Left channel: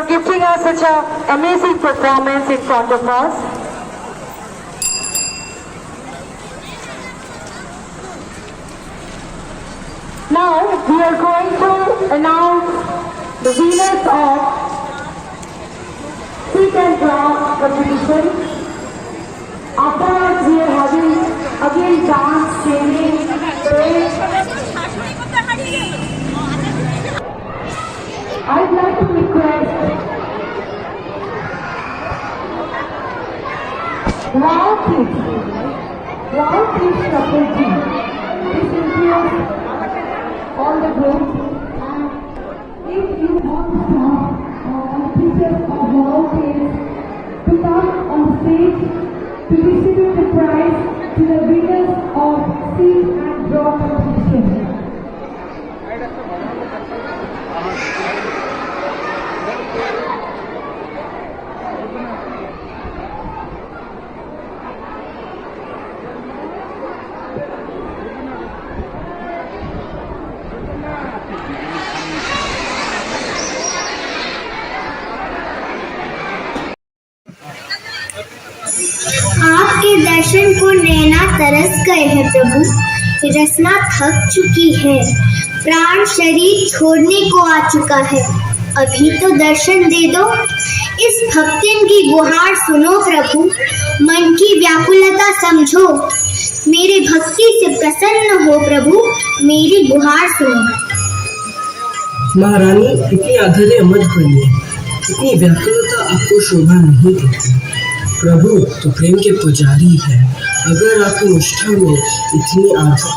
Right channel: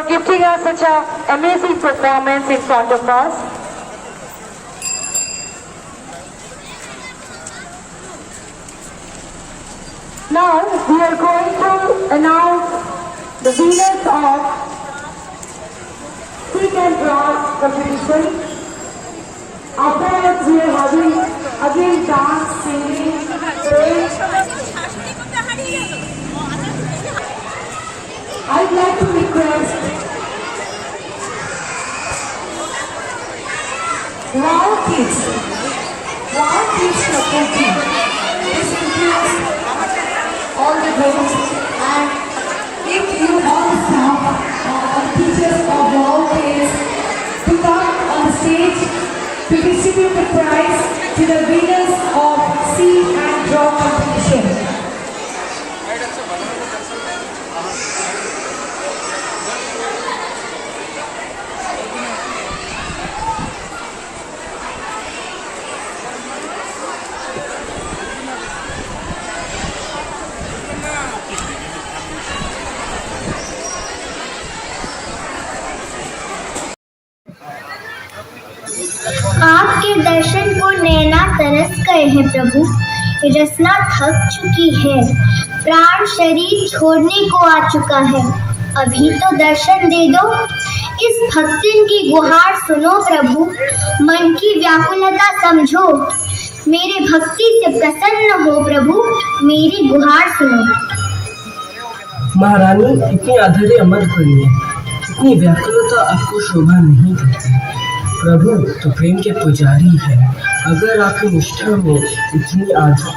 for gifting us such an amazing performance in front of us. Now we are going to announce the winners of Speak and Draw competition. Afterwards we are having again dance, singing, parade. I'd like to request Wow Kids Faculty. This includes all the groups, and if you all staff teachers of Wow Kids to come on stage to distribute the prize to the winners of Speak and Draw competition. आपके दर्शन को नैना तरस गए हैं प्रभु, रसना थक चुकी है, प्राण शरीर छोड़ने को आ चुका है, अभी तो दर्शन दे दो। इस भक्तिन की गुहार सुनो प्रभु, मन की व्याकुलता समझो, मेरे भक्ति से प्रसन्न हो प्रभु, मेरी गुहार सुनो। महारानी, इतनी आधेरे मत करिए, इतनी व्याकुलता आपको शोभा नहीं देती। प्रभु तो प्रेम के पुजारी है, अगर आपकी निष्ठा में इतनी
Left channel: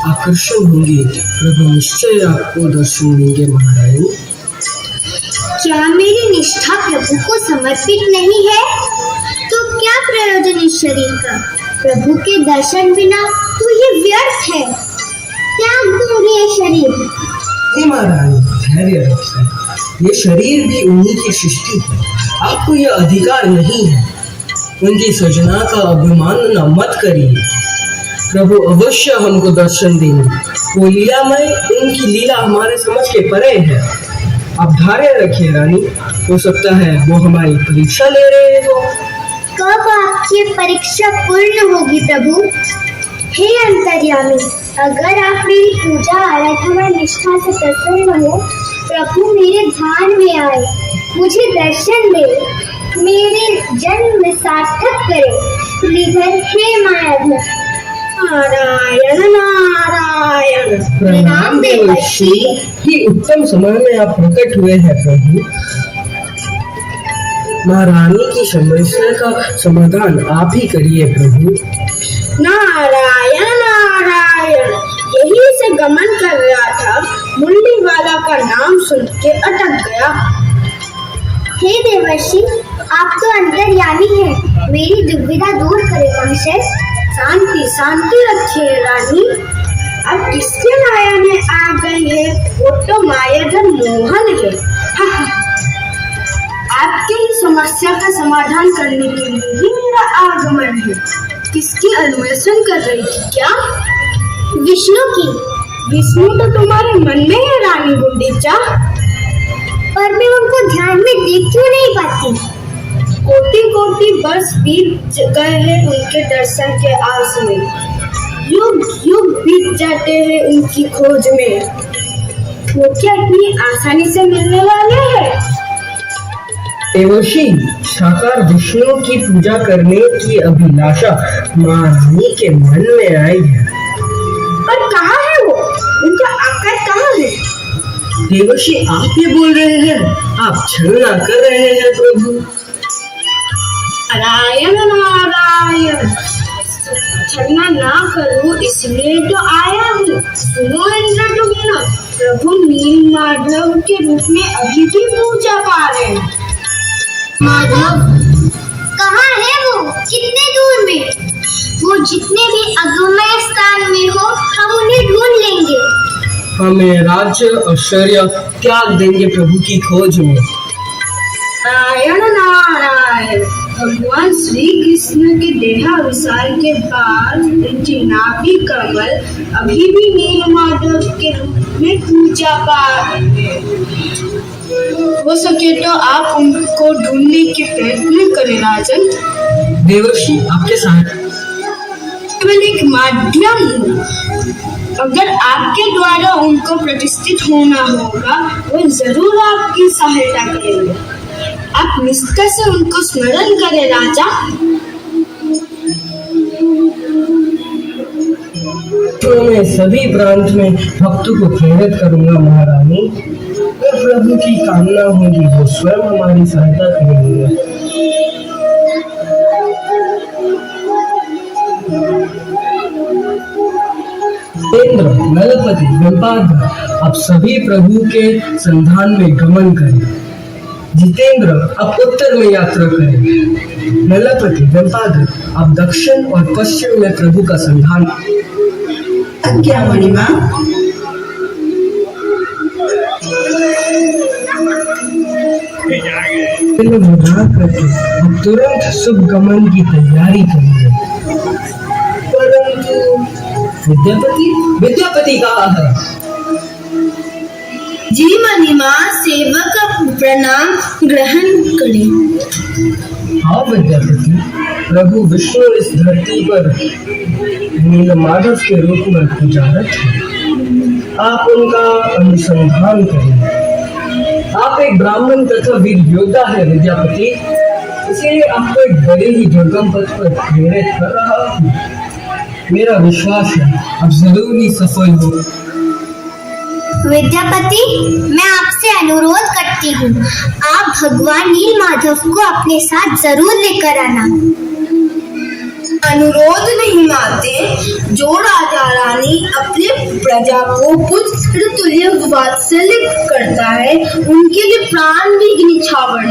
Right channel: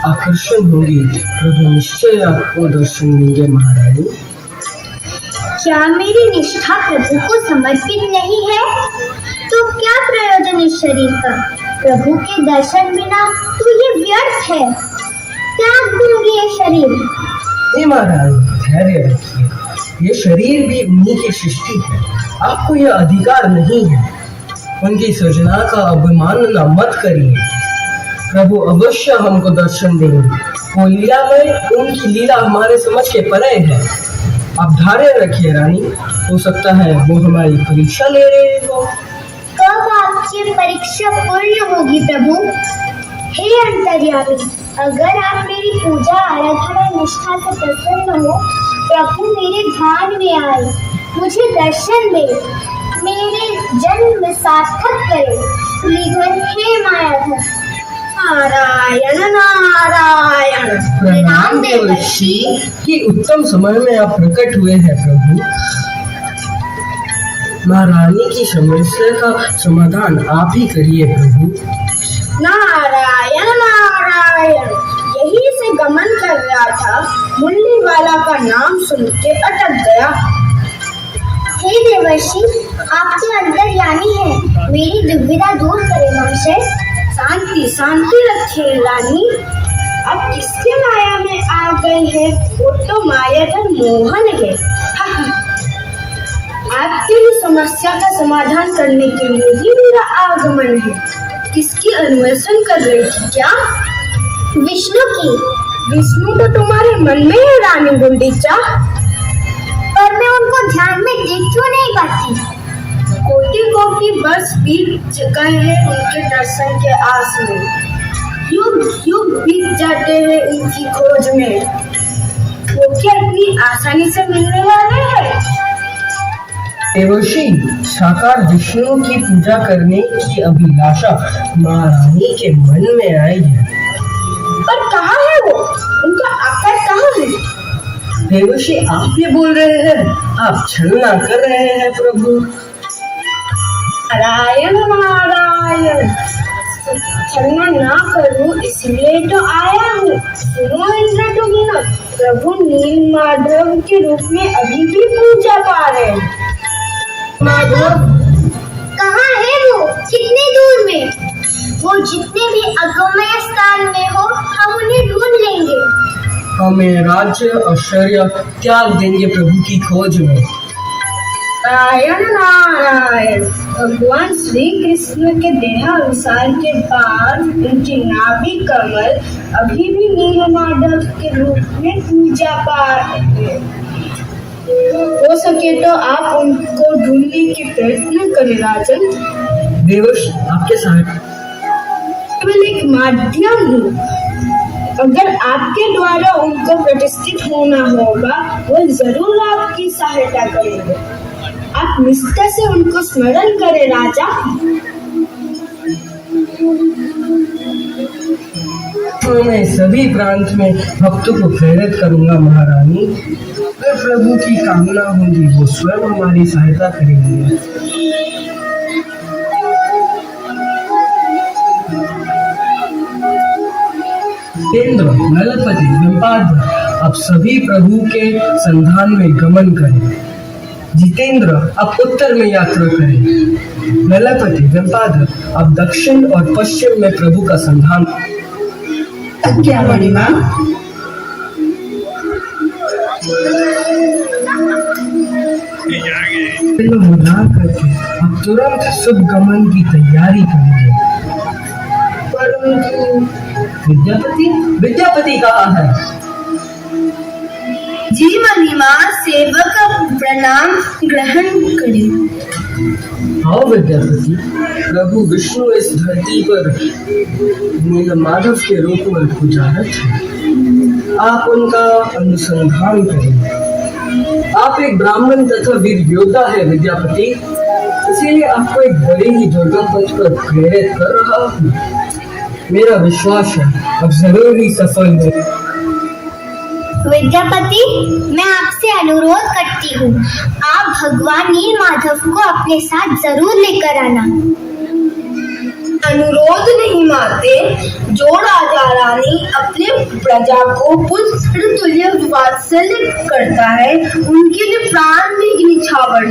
आकर्षण होंगे, प्रभु निश्चय आपको दर्शन देंगे। महारानी, क्या मेरी निष्ठा प्रभु को समर्पित नहीं है? तो क्या प्रयोजन इस शरीर का? प्रभु के दर्शन बिना तो ये व्यर्थ है, त्याग दूंगी ये शरीर। महारानी, धैर्य रखिए, ये शरीर भी उन्हीं की सृष्टि है, आपको यह अधिकार नहीं है। उनकी सृजना का अभिमानना मत करिए, प्रभु अवश्य हमको दर्शन देंगे। वो लीलामय, उनकी लीला हमारे समझ के परे है। आप धैर्य रखिए रानी, हो सकता है वो हमारी परीक्षा ले रहे हो। कब आपकी परीक्षा पूर्ण होगी प्रभु? हे अंतर्यामी, अगर आप मेरी पूजा आराधना निष्ठा से प्रसन्न हो, प्रभु मेरे ध्यान में आए, मुझे दर्शन दे, मेरे जन्म सार्थक करे। लेकिन हे मायाधर, नारायण नारायण। प्रणाम देवर्षि। कि उत्तम समय में आप प्रकट हुए हैं प्रभु। महारानी की समस्या का समाधान आप ही करिए प्रभु। नारायण नारायण। यही से गमन कर रहा था, मुरली वाला का नाम सुन के अटक गया। हे देवर्षि, आप तो अंतर्यामी हैं, मेरी दुविधा दूर करें महाशय। शांति शांति रखिए रानी। अब किसके माया में आ गए हैं? वो तो मायाधर मोहन है। आपकी ही समस्या का समाधान करने के लिए ही मेरा आगमन है। किसकी अन्वेषण कर रही थी क्या? विष्णु की। विष्णु तो तुम्हारे मन में है रानी गुंडीचा, पर मैं उनको ध्यान में देख क्यों नहीं पाती? कोटि कोटि वर्ष बीत गए हैं उनके दर्शन के आस में, युग युग बीत जाते हैं उनकी खोज में। वो क्या इतनी आसानी से मिलने वाले हैं? देवर्षि, साकार विष्णु की पूजा करने की अभिलाषा महारानी के मन में आई है। पर कहाँ है वो? उनका आकार कहाँ है? देवर्षि, आप ये बोल रहे हैं? आप छलना कर रहे हैं प्रभु। नारायण नारायण। छलना ना करूं इसलिए तो आया हूँ। सुनो इंद्र तुम्हें, प्रभु नील माधव के रूप में अभी भी पूजा पा रहे हैं। माधव कहाँ है वो? कितने दूर में? वो जितने भी अगम्य स्थान में हो, हम उन्हें ढूंढ लेंगे। हमें राज्य ऐश्वर्य त्याग देंगे प्रभु की खोज में। नारायण नारायण। भगवान श्री कृष्ण के देहावसान के बाद उनकी नाभि कमल अभी भी नील माधव के रूप में पूजा पा रहे हैं। हो सके तो आप उनको ढूंढने के प्रयत्न करें राजन। देवर्षि, आपके सहायता केवल एक माध्यम हूँ। अगर आपके द्वारा उनको प्रतिष्ठित होना होगा, वो जरूर आपकी सहायता करेंगे। आप निष्ठा से उनको स्मरण करें राजा। तो मैं सभी प्रांत में भक्तों को प्रेरित करूंगा महारानी। अगर प्रभु की कामना होगी वो स्वयं हमारी सहायता करेंगे। इंद्र, नलपति, वेम्पाद्र, आप सभी प्रभु के संधान में गमन करें। जितेंद्र, आप उत्तर में यात्रा करें। नलपति, वेम्पाद्र, आप दक्षिण और पश्चिम में प्रभु का संधान। क्या बड़ी माँ? करके अब तुरंत शुभ गमन की तैयारी करेंगे। परंतु विद्यापति कहाँ है? जी महिमा, सेवक का प्रणाम ग्रहण करें। हाँ विद्यापति, प्रभु विष्णु इस धरती पर नीलमाधव के रूप में पूजारत है। आप उनका अनुसंधान करें। आप एक ब्राह्मण तथा वीर योद्धा है विद्यापति, इसीलिए आपको एक बड़े ही दुर्गम पथ पर प्रेरित कर रहा हूँ। मेरा विश्वास है अब जरूर ही सफल हो। विद्यापति, मैं आपसे अनुरोध करती हूँ, आप भगवान नीलमाधव को अपने साथ जरूर लेकर आना। अनुरोध नहीं मानते। जो राजा रानी अपने प्रजा को पुत्र तुल्य वात्सल्य करता है, उनके लिए प्राण भी निछावर।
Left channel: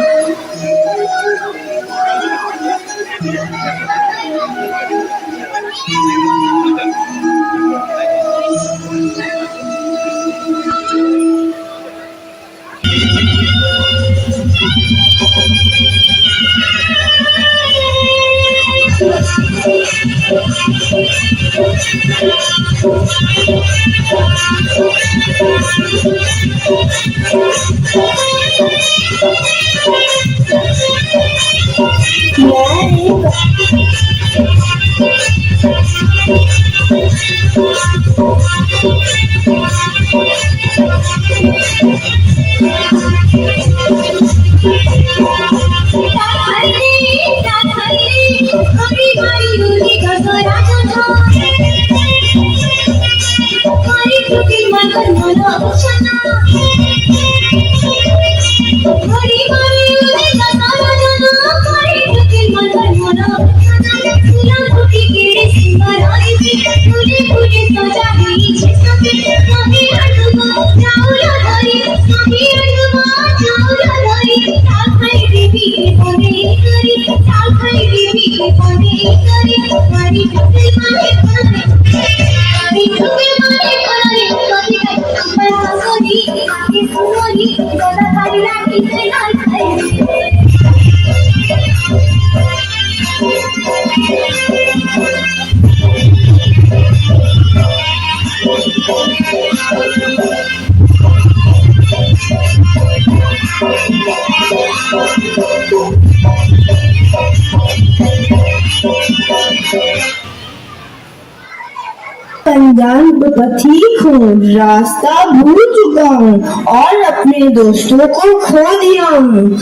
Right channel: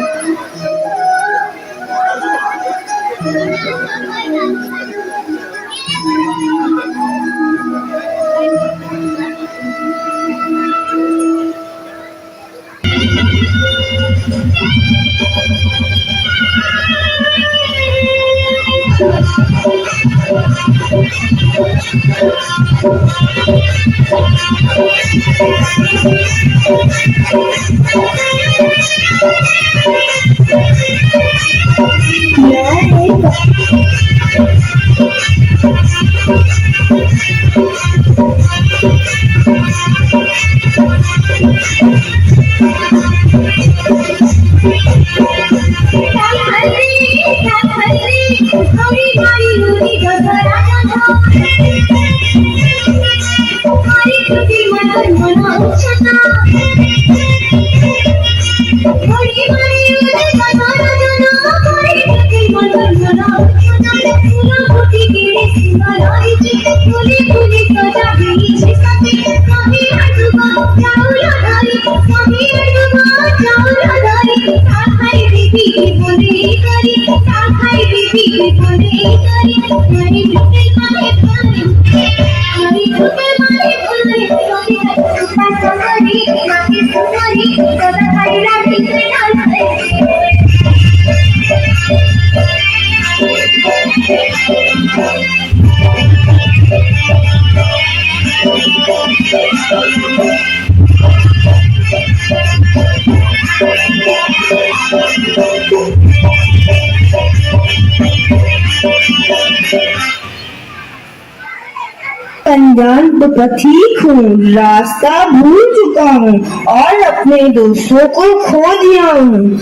अनजान तो पथिक हूँ, रास्ता भूल चुका हूँ और अपने दोस्तों को खो दिया हूँ।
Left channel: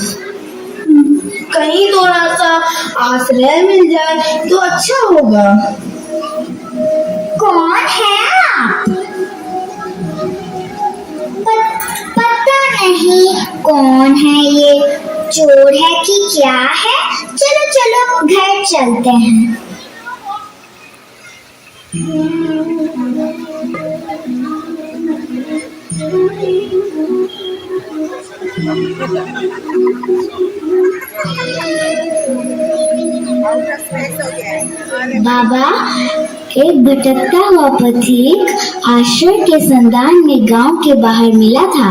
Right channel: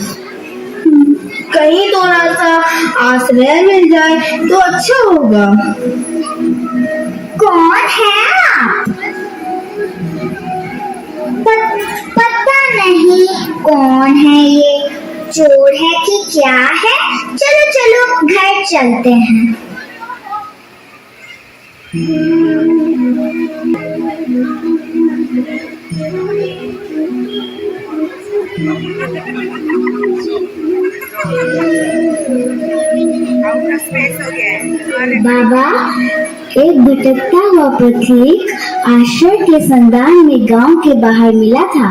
कहीं थोड़ा सा आश्रय मिल जाए तो अच्छा होगा। कौन है आप? पता नहीं कौन है ये, चोर है कि क्या है? चलो चलो घर चलते हैं। बाबा, एक भटकता हुआ पथिक आश्रय के संधान में गांव के बाहर मिला था।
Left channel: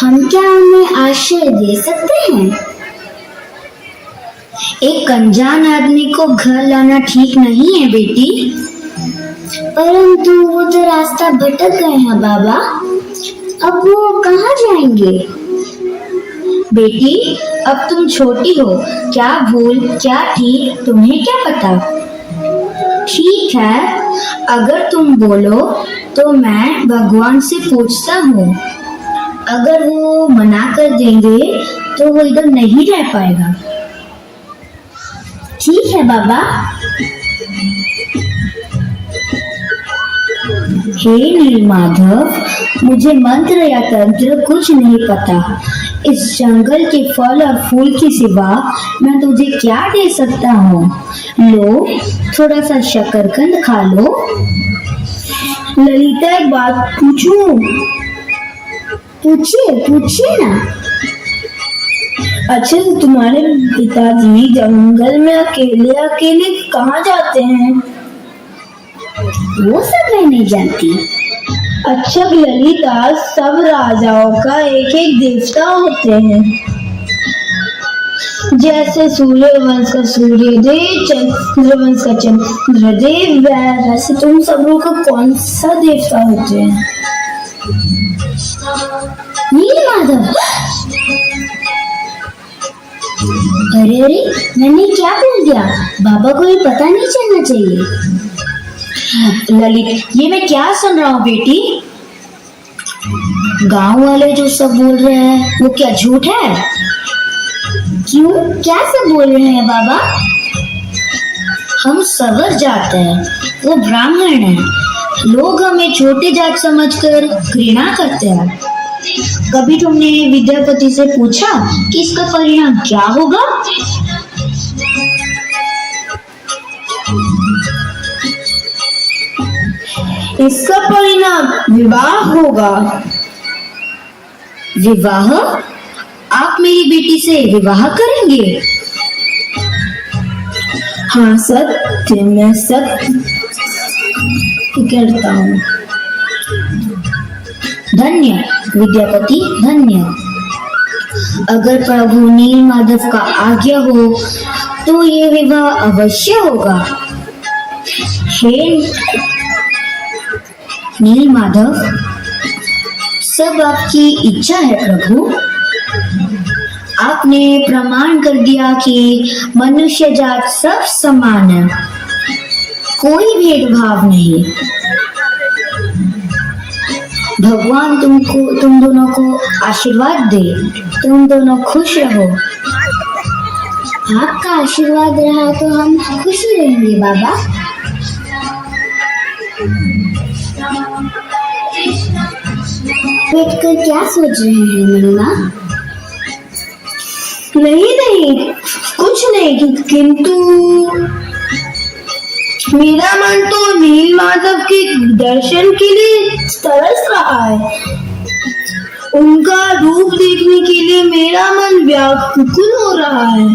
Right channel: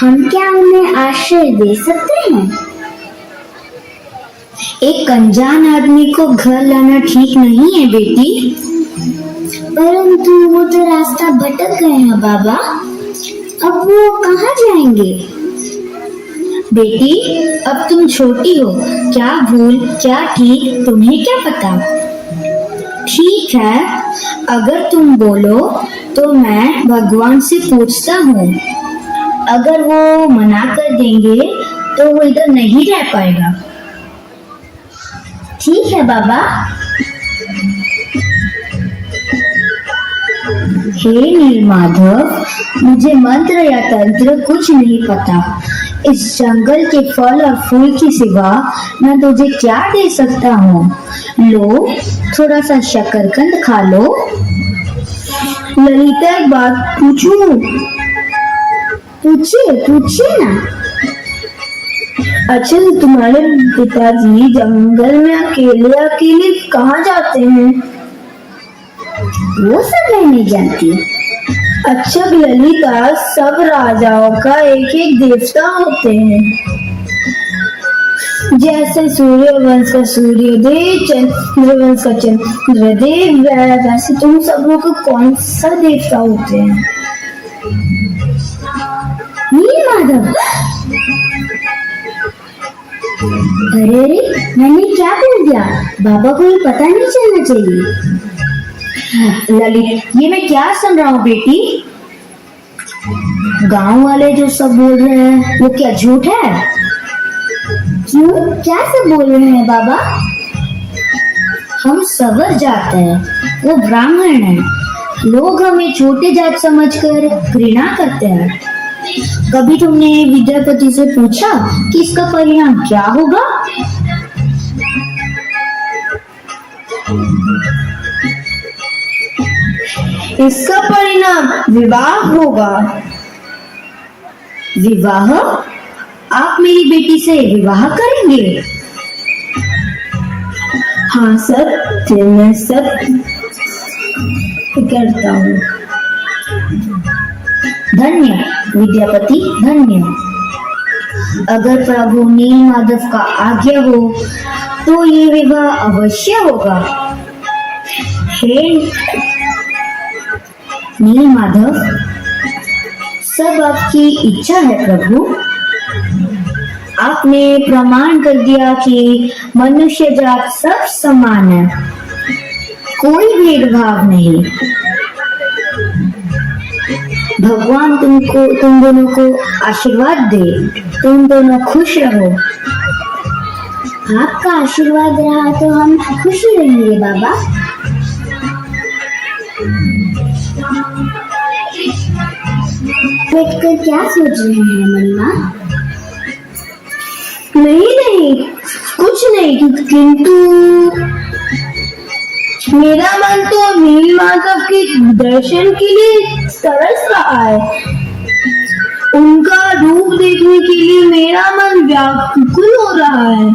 हम क्या उन्हें आश्रय दे सकते हैं? एक अनजान आदमी को घर लाना ठीक नहीं है बेटी। परंतु वो तो रास्ता भटक गए हैं बाबा। अब वो कहाँ जाएंगे? बेटी, अब तुम छोटी हो, क्या भूल क्या ठीक तुम्हें क्या पता। ठीक है, अगर तुम बोलो तो मैं भगवान से पूछता हूँ। अगर वो मना कर देंगे तो वो इधर नहीं रह पाएगा। ठीक है बाबा। हे नीलमाधव, मुझे मंत्र या तंत्र कुछ नहीं पता। इस जंगल के फल और फूल के सिवा मैं तुझे क्या दे सकता हूँ। लो, थोड़ा सा शकरकंद खा लो। ललिता, एक बात पूछूं? पूछिए पूछिए ना। अच्छा, तो तुम्हारे पिताजी जंगल में अकेले अकेले कहाँ जाते हैं? वो सब मैं नहीं जानती। अच्छा ललिता, सब राजाओं का एक एक देवता होते हैं। जैसे सूर्यवंश का सूर्यदेव, चंद्रवंश का चंद्रदेव, वैसे तुम सब लोग का कौन सा देवता होते हैं? नीलमाधव, अरे अरे, मैंने क्या बोल दिया? बाबा को ये पता नहीं चलना चाहिए। ललित, ये मैं क्या सुन रहा हूँ बेटी? गांव वाले जो सब बोल रहे हैं वो क्या झूठ है? क्यों, क्या सब बोल रहे हैं बाबा? हम सवर जात हैं, वो ब्राह्मण हैं। लोग हमें छोटे जात समझकर घृणा करते हैं। कभी तुमने विद्यापति से पूछा कि इसका परिणाम क्या होगा? इसका परिणाम विवाह होगा। विवाह? आप मेरी बेटी से विवाह करेंगे? हाँ सत्य, मैं सत्य करता हूँ। धन्य विद्यापति, धन्य। अगर प्रभु नीलमाधव का आज्ञा हो तो ये विवाह अवश्य होगा। हे नीलमाधव, सब आपकी इच्छा है प्रभु। आपने प्रमाण कर दिया कि मनुष्य जात सब समान है, कोई भेदभाव नहीं। भगवान तुम दोनों को आशीर्वाद दे, तुम दोनों खुश रहो। आपका आशीर्वाद रहा तो हम खुश ही रहेंगे बाबा। बैठकर क्या सोच रहे हैं मनीमा? नहीं, कुछ नहीं, किंतु मेरा मन तो नीलमाधव के दर्शन के लिए तरस रहा है। उनका रूप देखने के लिए मेरा मन व्याकुल हो रहा है।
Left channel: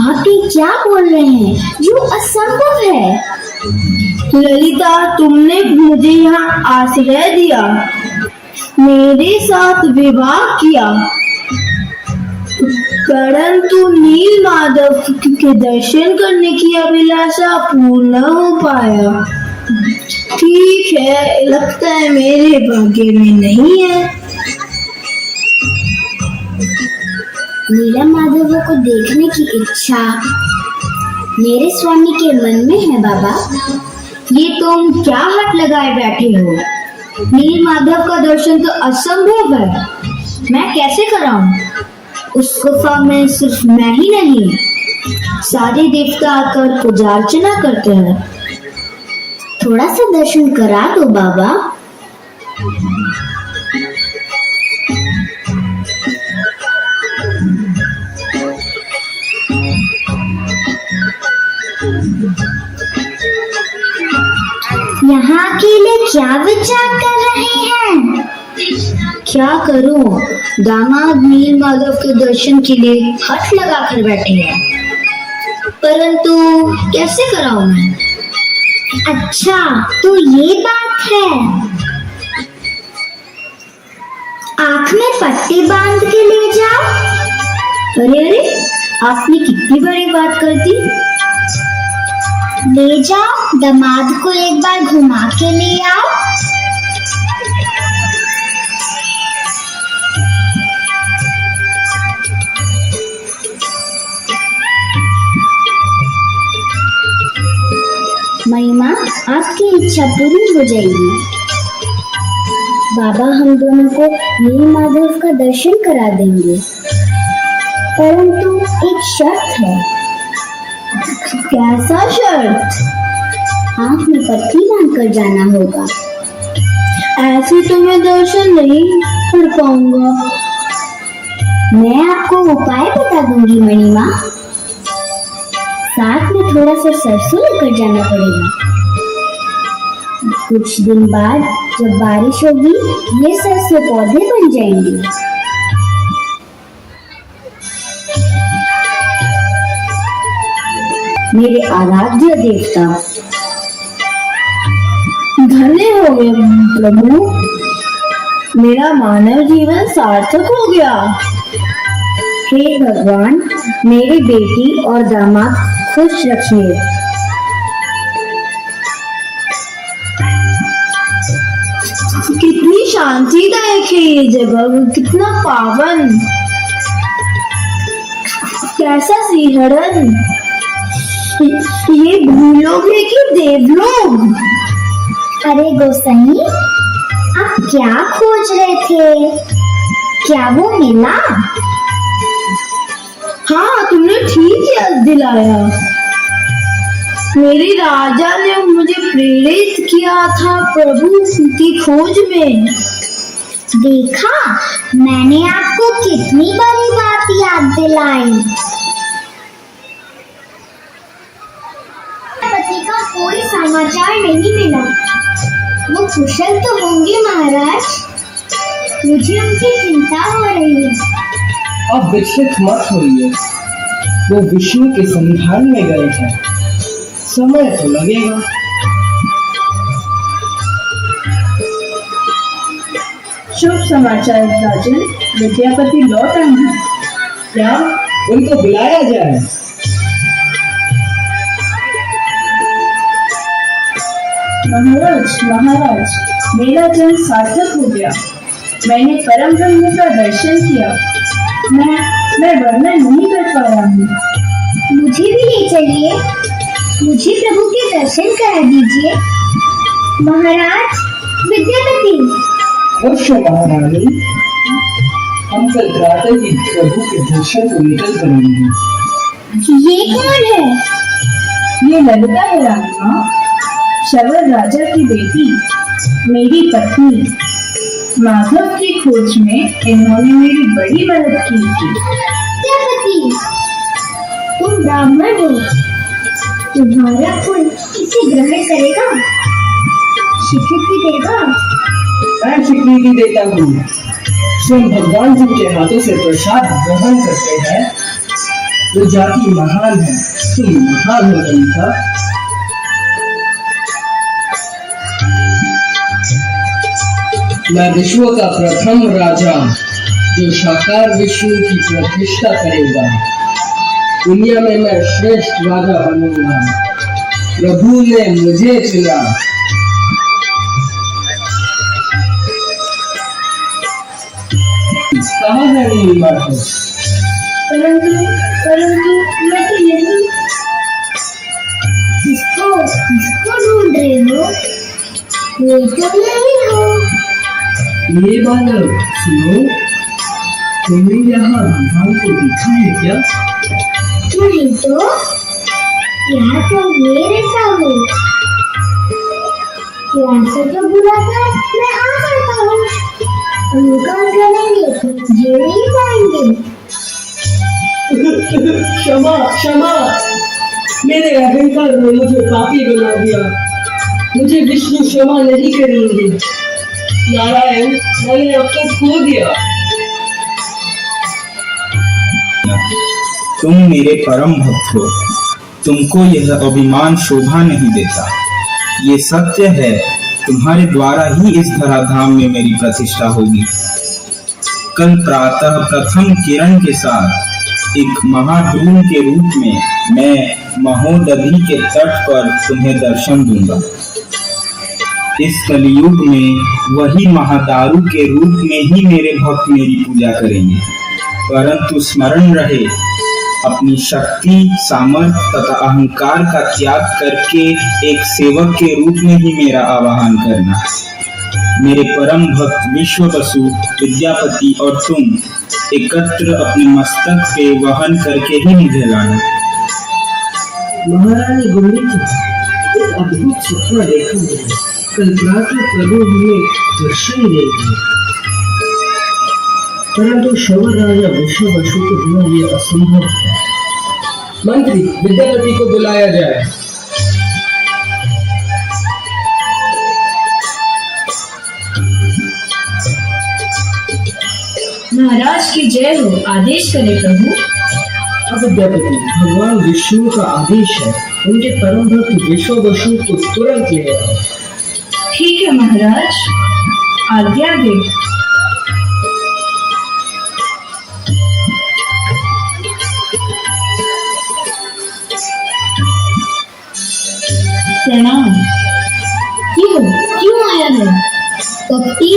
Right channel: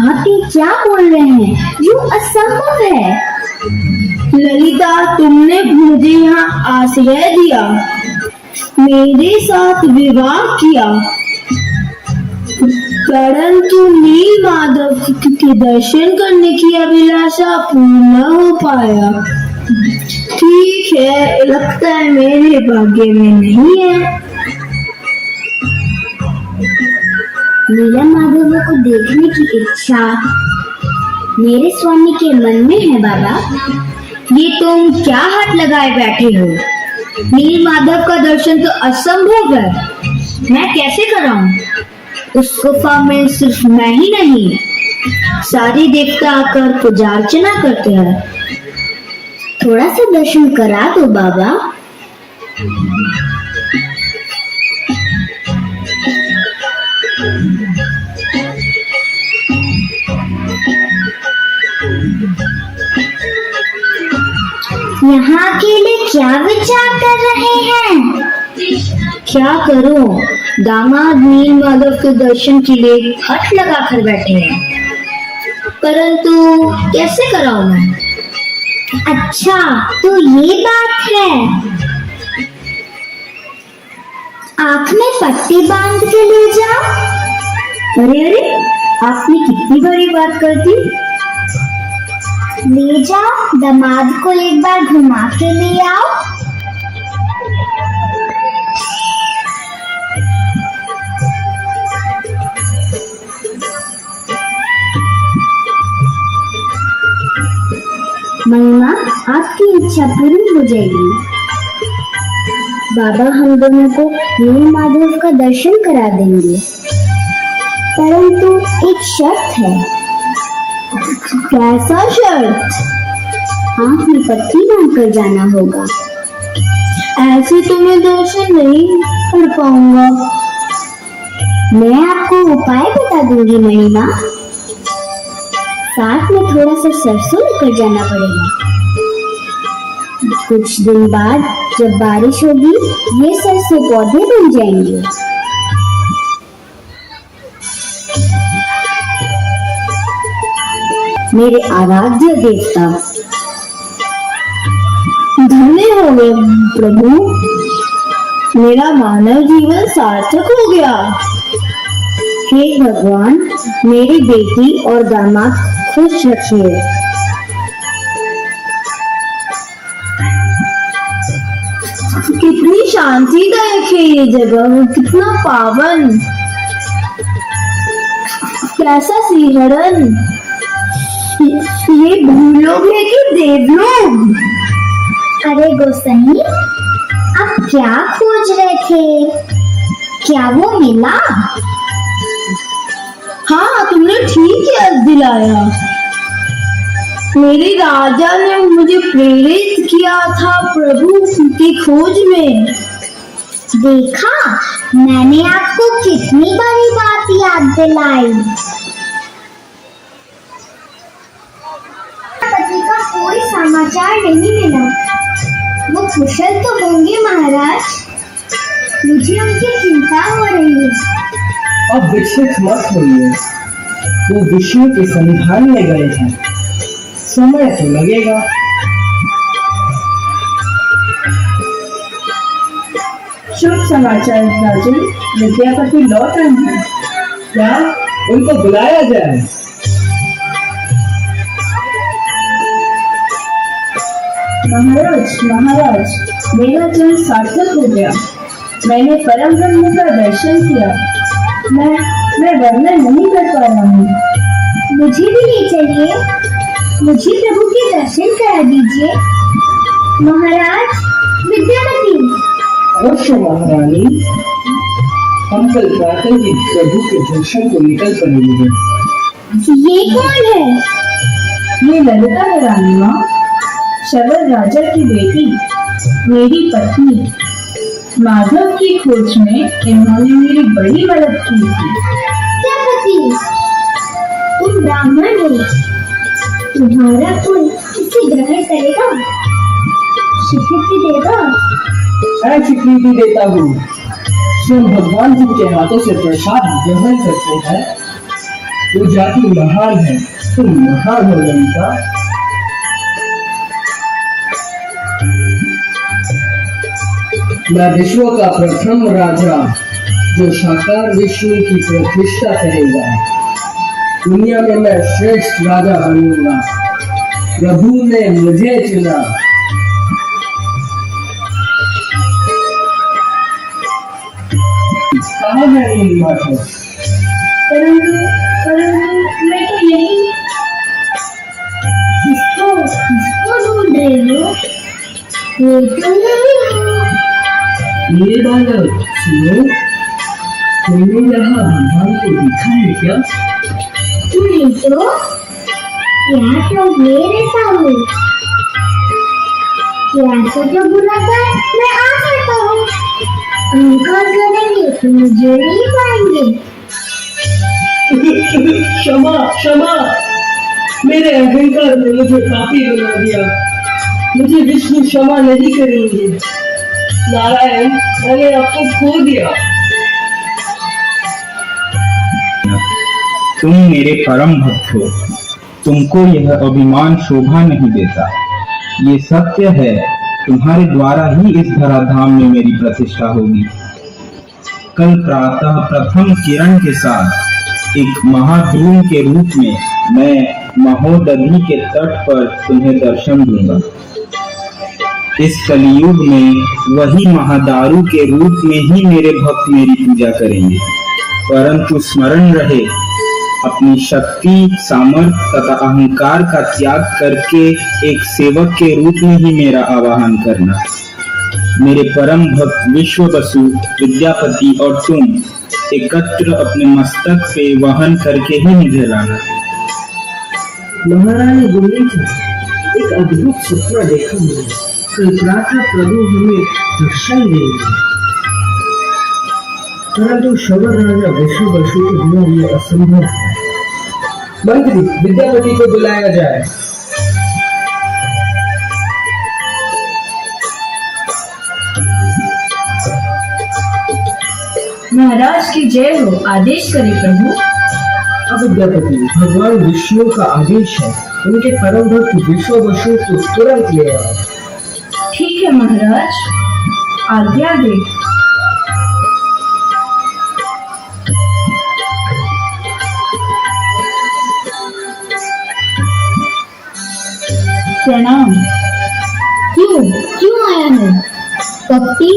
आप ये क्या बोल रहे हैं जो असंभव है? ललिता, तुमने मुझे यहाँ आश्रय दिया, मेरे साथ विवाह किया, परंतु नीलमाधव के दर्शन करने की अभिलाषा पूर्ण हो पाया। ठीक है, लगता है मेरे भाग्य में नहीं है। नीलमाधव को देखने की इच्छा मेरे स्वामी के मन में है बाबा। ये तुम क्या हाथ लगाए बैठे हो? नीलमाधव का दर्शन तो असंभव है, मैं कैसे कराऊं? उस गुफा में सिर्फ मैं ही नहीं, सारे देवता आकर पूजा अर्चना करते हैं। थोड़ा सा दर्शन करा दो बाबा। यहाँ अकेले क्या विचार कर रहे हैं? क्या करूं, दामाद नीलमाधव के दर्शन के लिए हट लगा कर बैठे हैं, परंतु कैसे कराऊं मैं? अच्छा, तो ये बात है। आंख में पट्टी बांध के ले जाओ। अरे अरे, आपने कितनी बड़ी बात कर दी। ले जाओ, दामाद को एक बार घुमा के ले आओ। महिमा, आपकी इच्छा पूरी हो जाएगी। बाबा हम दोनों को नील माधव का दर्शन करा देंगे, परंतु एक शर्त है। कैसा शर्त? आँख में पट्टी बांधकर जाना होगा। ऐसे तो मैं दर्शन नहीं कर पाऊंगा। मैं आपको उपाय बता दूंगी मणिमा। साथ में थोड़ा सा सरसों लेकर जाना पड़ेगा। कुछ दिन बाद जब बारिश होगी, ये सरसों पौधे बन जाएंगे। मेरे आराध्य देवता, धन्य हो गए प्रभु, मेरा मानव जीवन सार्थक हो गया। हे भगवान, मेरी बेटी और दामाद खुश रखिए। कितनी शांतिदायक है ये जगह, कितना पावन। कैसा सिंहरण, ये भूलोग है कि देवलोग? अरे गोसाई, आप क्या खोज रहे थे? क्या वो मिला? हाँ, तुमने ठीक याद दिलाया। मेरे राजा ने मुझे प्रेरित किया था प्रभु की खोज में। देखा, मैंने आपको कितनी बड़ी बात याद दिलाई। पति का कोई समाचार नहीं मिला। वो कुशल तो होंगे महाराज, मुझे उनकी चिंता हो रही है। अब विचलित मत होइए, वो विष्णु के संधान में गए हैं, समय तो लगेगा। शुभ समाचार राजन, विद्यापति लौट आए हैं। क्या उनको बुलाया जाए? महाराज, मेरा जन्म सार्थक हो गया। मैंने परम ब्रह्म का दर्शन किया। मैं वर्णन नहीं कर पा रहा हूँ। मुझे भी ले चलिए, मुझे प्रभु के दर्शन करा दीजिए। महाराज विद्यापति। अवश्य महारानी, हम कल प्रातः ही प्रभु के दर्शन को निकल करेंगे। ये कौन है? ये ललिता है रानी माँ, शबर राजा की बेटी, मेरी पत्नी। माधव की खोज में इन्होंने मेरी बड़ी मदद की थी। विद्यापति, तुम ब्राह्मण हो, तुम्हारा कुल इसे ग्रहण करेगा, स्वीकृति देगा? मैं स्वीकृति देता हूँ। स्वयं भगवान जिनके हाथों से प्रसाद ग्रहण करते हैं, वो जाति महान है। तुम महान हो ललिता। मैं विश्व का प्रथम राजा, जो साकार विष्णु की प्रतिष्ठा करेगा। दुनिया में मैं श्रेष्ठ राजा बनूंगा। प्रभु ने मुझे चुना। कहाँ है नील माधव? परंतु मैं तो यही। किसको ढूंढ रहे हो? ये तुम नहीं हो। मेरे बालक सुनो, तुमने यहाँ भगवान को देखा है क्या? नहीं तो, यहाँ तो मैं रहता हूँ। यहाँ से जो बुलाकर मैं आ सकता हूँ। इनकार करेंगे तो मुझे नहीं पाएंगे। क्षमा क्षमा, मेरे अहंकार ने मुझे पापी बना दिया। मुझे विष्णु क्षमा नहीं करेंगे। नारायण, मैंने आपको खो दिया। तुम मेरे परम भक्त हो, तुमको यह अभिमान शोभा नहीं देता। ये सत्य है, तुम्हारे द्वारा ही इस धराधाम में मेरी प्रतिष्ठा होगी। कल प्रातः प्रथम किरण के साथ एक महाद्रुम के रूप में मैं महोदधि के तट पर तुम्हें दर्शन दूंगा। इस कलियुग में वही महादारू के रूप में ही मेरे भक्त मेरी पूजा करेंगे। परंतु स्मरण रहे, अपनी शक्ति, सामर्थ्य तथा अहंकार का त्याग करके एक सेवक के रूप में ही मेरा आवाहन करना। मेरे परम भक्त विश्व वसु, विद्यापति और तुम एकत्र अपने मस्तक पे वहन करके ही मुझे लाना। महारानी गौरी जी, एक अद्भुत सपना देखा मैंने। कल प्रातः प्रभु हमें दर्शन देंगे, परंतु शवर राजा विश्व वसु के बिना ये असंभव है। मंत्री, विद्यापति को बुलाया जाए। महाराज की जय हो। आदेश करें प्रभु। विद्यापति, भगवान विष्णु का आदेश है, उनके परम भक्त विश्व वसु को तुरंत ले आओ। ठीक है महाराज, आज्ञा दे। प्रणाम। क्यों आया है? कपटी,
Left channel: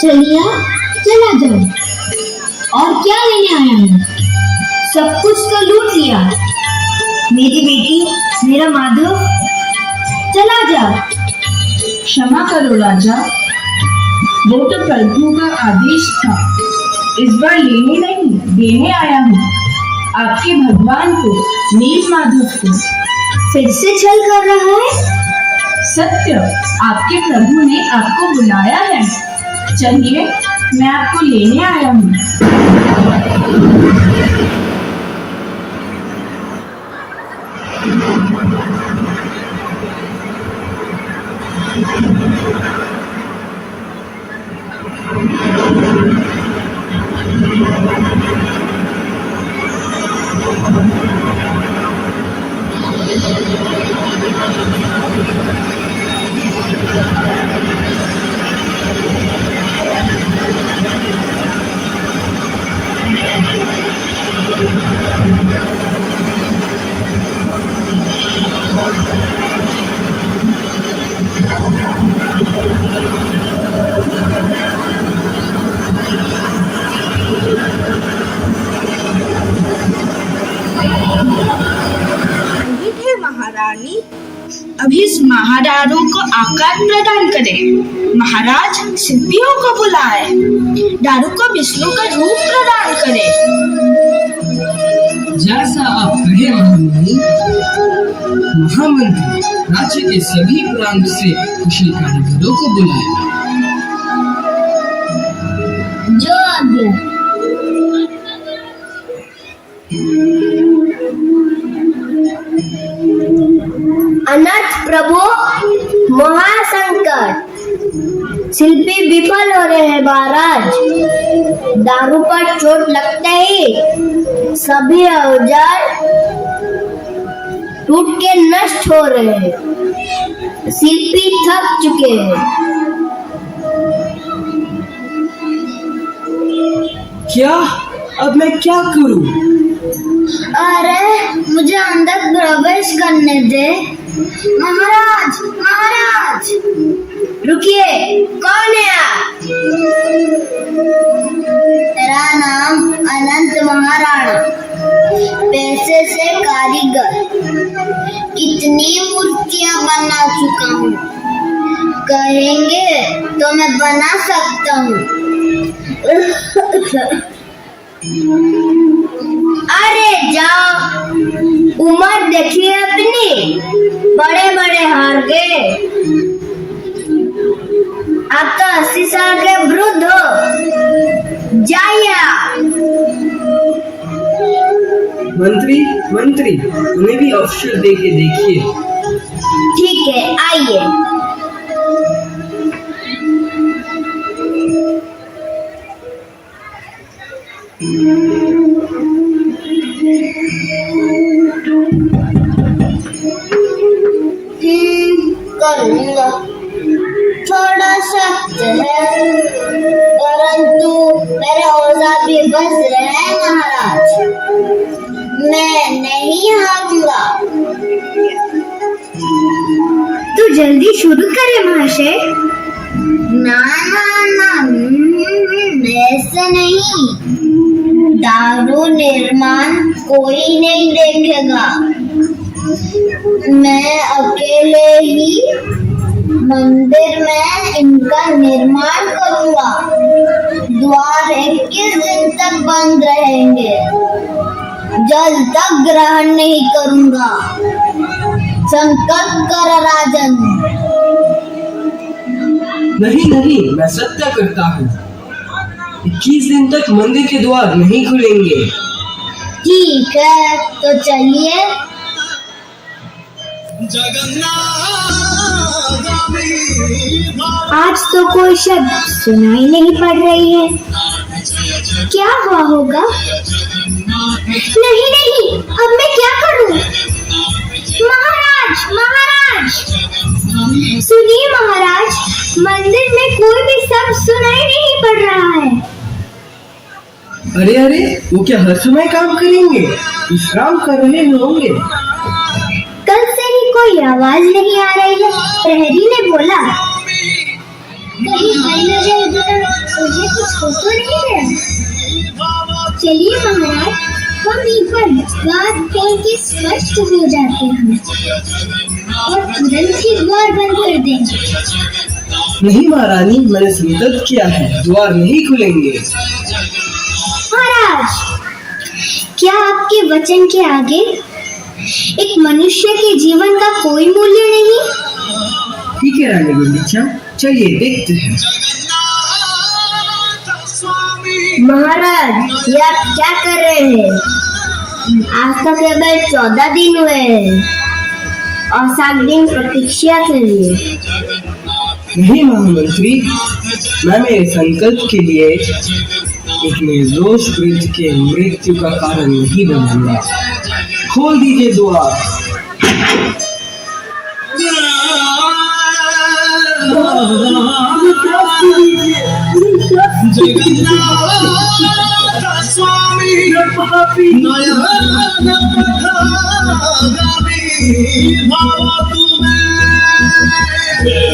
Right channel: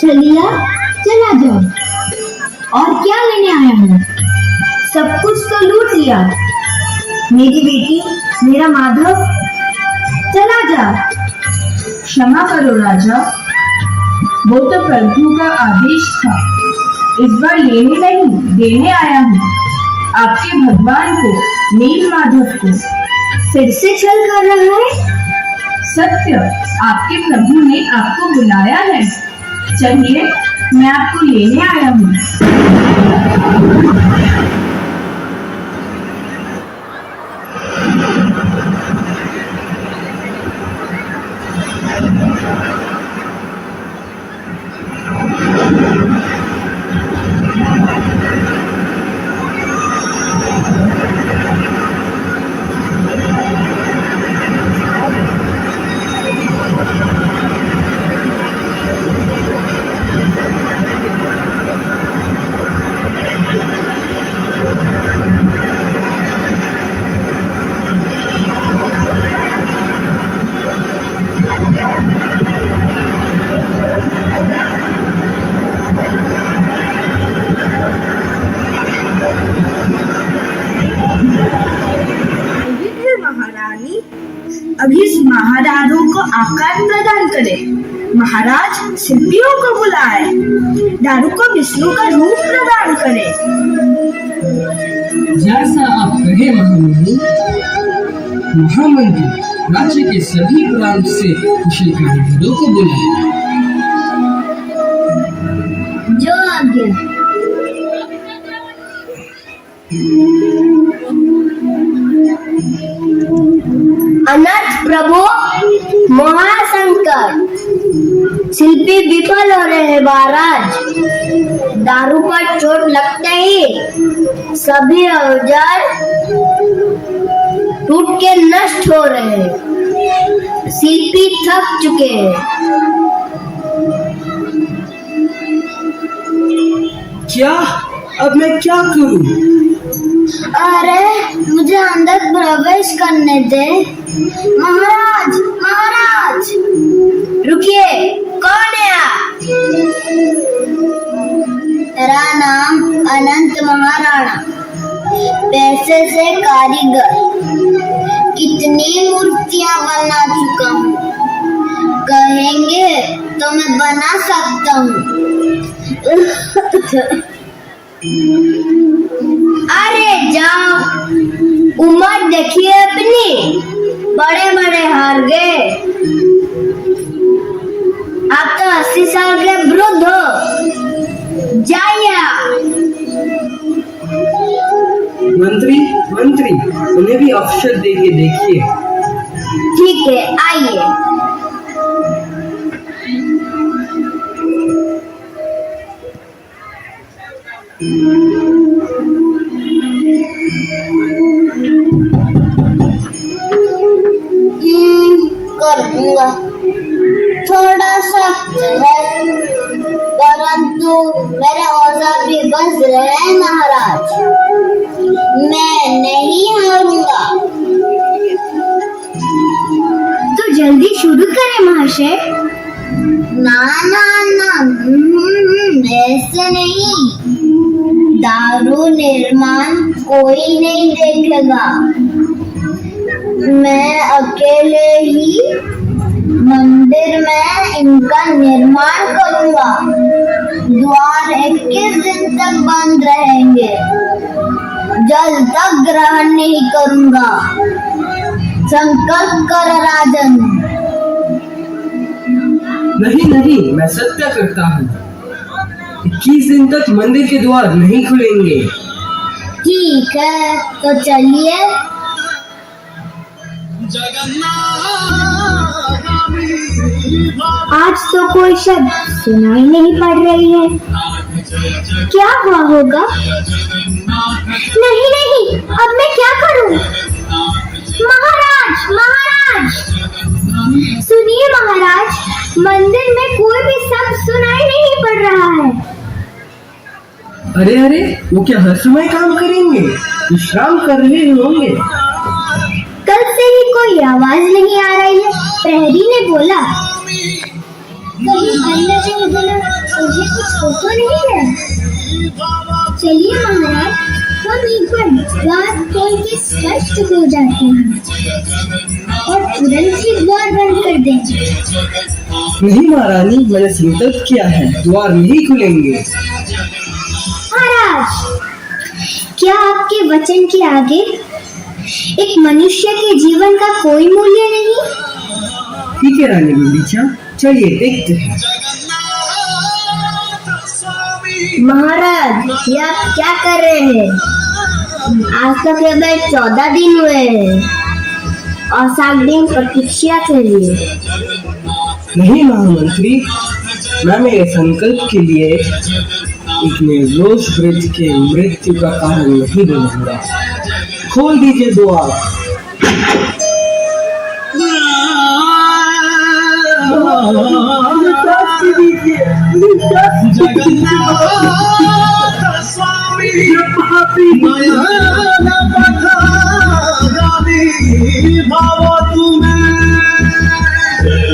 चलिया, चला जाओ। और क्या लेने आया है? सब कुछ तो लूट लिया। मेरी बेटी, मेरा माधव, चला जा। क्षमा करो राजा, वो तो प्रभु का आदेश था। इस बार लेने नहीं, देने आया हूँ आपके भगवान को, नील माधव को। फिर से छल कर रहा है? सत्य, आपके प्रभु ने आपको बुलाया है। चलिए, मैं आपको लेने आया हूँ। अभी इस महादारों को आकार प्रदान करे। महाराज शिल्पियों को बुलाए, दारू को विष्णु का रूप प्रदान करे। जैसा आप कहे महामुनि। महामंत्री, राज्य के सभी प्रांत से कुशल कारीगरों को बुलाए। जो आज्ञा। अनाथ प्रभु, महासंकट, शिल्पी विफल हो रहे हैं महाराज। दारू पर चोट लगते ही सभी औजार टूट के नष्ट हो रहे हैं। शिल्पी थक चुके हैं। क्या? अब मैं क्या करूं? अरे मुझे अंदर प्रवेश करने दे। महाराज, महाराज, रुकिए। कौन है आप? मेरा नाम अनंत महाराणा, पैसे से कारीगर। कितनी मूर्तियां बना चुका हूँ, कहेंगे तो मैं बना सकता हूँ। अरे जाओ, उम्र देखिए अपनी, बड़े बड़े हार गए। आप तो 80 साल के वृद्ध हो। जाइए। मंत्री, उन्हें भी अवसर दे के देखिए। ठीक है, आइए। करूंगा। थोड़ा सख्त है, परंतु मेरे औजार भी बस रहे हैं महाराज। मैं नहीं हारूंगा। तो जल्दी शुरू करें महाशय। ना ना ना, ऐसे नहीं। दारू निर्माण कोई नहीं देखेगा। मैं अकेले ही मंदिर में इनका निर्माण करूंगा। द्वार 21 दिन तक बंद रहेंगे। जल तक ग्रहण नहीं करूंगा। संकल्प कर राजन। नहीं, मैं सत्य करता हूँ। 21 दिन तक मंदिर के द्वार नहीं खुलेंगे। ठीक है, तो चलिए। आज तो कोई शब्द सुनाई नहीं पड़ रही है। क्या हुआ होगा? नहीं, अब मैं क्या करूं? महाराज, सुनिए महाराज, मंदिर में कोई भी शब्द सुनाई नहीं पड़ रहा है। अरे, वो क्या हर समय काम करेंगे? विश्राम कर रहे होंगे। कल से ही कोई आवाज नहीं आ रही है। प्रहरी ने बोला, कहीं मुझे कुछ हो तो नहीं है। चलिए महाराज, हम एक बार द्वार खोल के स्पष्ट हो जाते हैं और तुरंत ही द्वार बंद कर देंगे। नहीं महारानी, मैंने संकल्प किया है, द्वार नहीं खुलेंगे। महाराज, क्या आपके वचन के आगे एक मनुष्य के जीवन का कोई मूल्य नहीं? ठीक है रानी गुंडीचा, चलिए देखते हैं। महाराज, ये आप क्या कर रहे हैं? आज तक केवल 14 दिन हुए हैं और 7 दिन प्रतीक्षा करिए। नहीं महामंत्री, मैं मेरे संकल्प के लिए एक निर्दोष वृद्ध के मृत्यु का कारण नहीं बनूंगा। खोल दीजिए द्वार।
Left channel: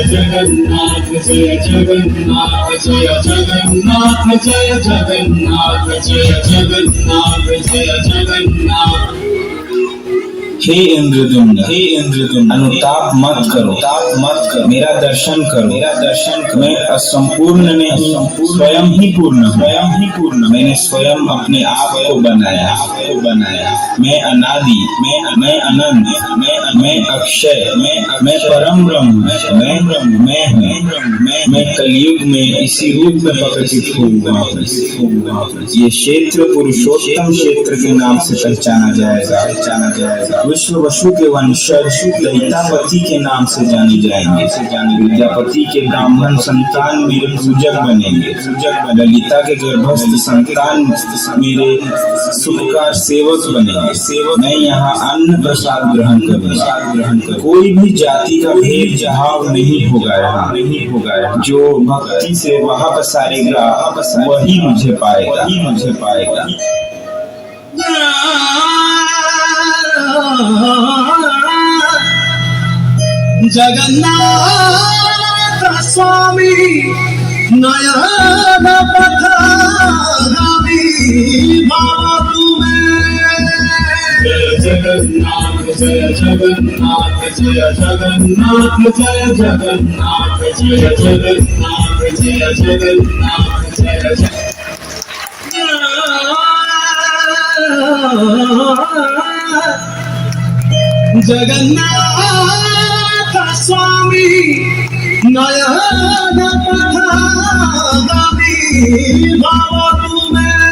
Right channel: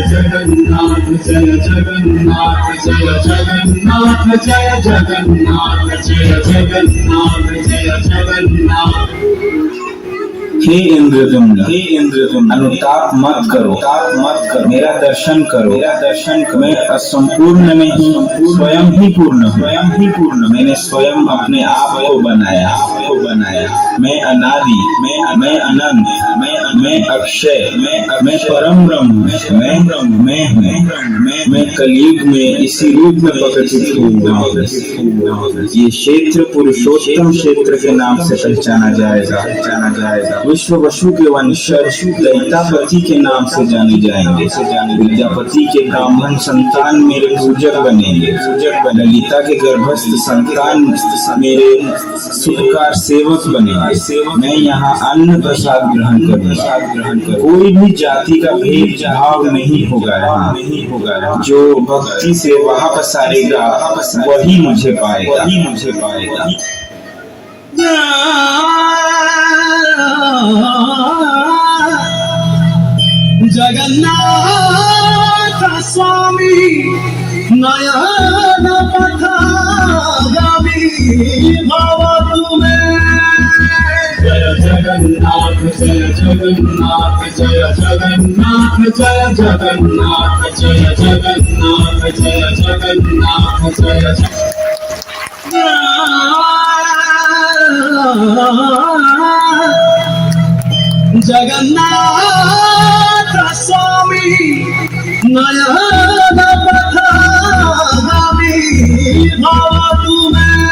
जगन्नाथ जय जगन्नाथ जय जगन्नाथ जय जगन्नाथ जय जगन्नाथ जय जगन्नाथ। हे इंद्रदुम्न, अनुताप मत करो, मेरा दर्शन करो। मैं असंपूर्ण नहीं, स्वयं ही पूर्ण हूँ। मैंने स्वयं अपने आप को बनाया। मैं अनादि, मैं अनंत, मैं अक्षय, मैं परम ब्रह्म, मैं हूँ। मैं कलयुग में इसी रूप में प्रकटित हुआ। ये क्षेत्र पुरुषोत्तम क्षेत्र के नाम से पहचाना जाएगा। विश्व वसु के वंशज ललितापति के नाम से जाने जाएंगे। विद्यापति के ब्राह्मण संतान मेरे पूजक बनेंगे। ललिता के गर्भस्थ संतान मेरे सुखकार सेवक बनेंगे। मैं यहाँ अन्न प्रसाद ग्रहण करूंगा। कोई भी जाति का भेद भाव नहीं होगा यहाँ। जो भक्ति से वहां पसारेगा वही मुझे पाएगा। जगन्नाथ स्वामी नयन पथगामी भव तुम्हें। जय जगन्नाथ जय जगन्नाथ जय जगन्नाथ जय जगन्नाथ जय जगन्नाथ जय जगन्नाथ जय जगन्नाथ स्वामी नयन पथगामी भव तुम्हें।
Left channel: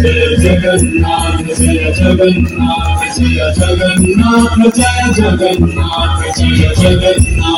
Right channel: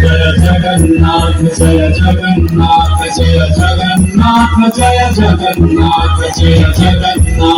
जय जगन्नाथ जय जगन्नाथ जय जगन्नाथ जय जगन्नाथ जय जगन्नाथ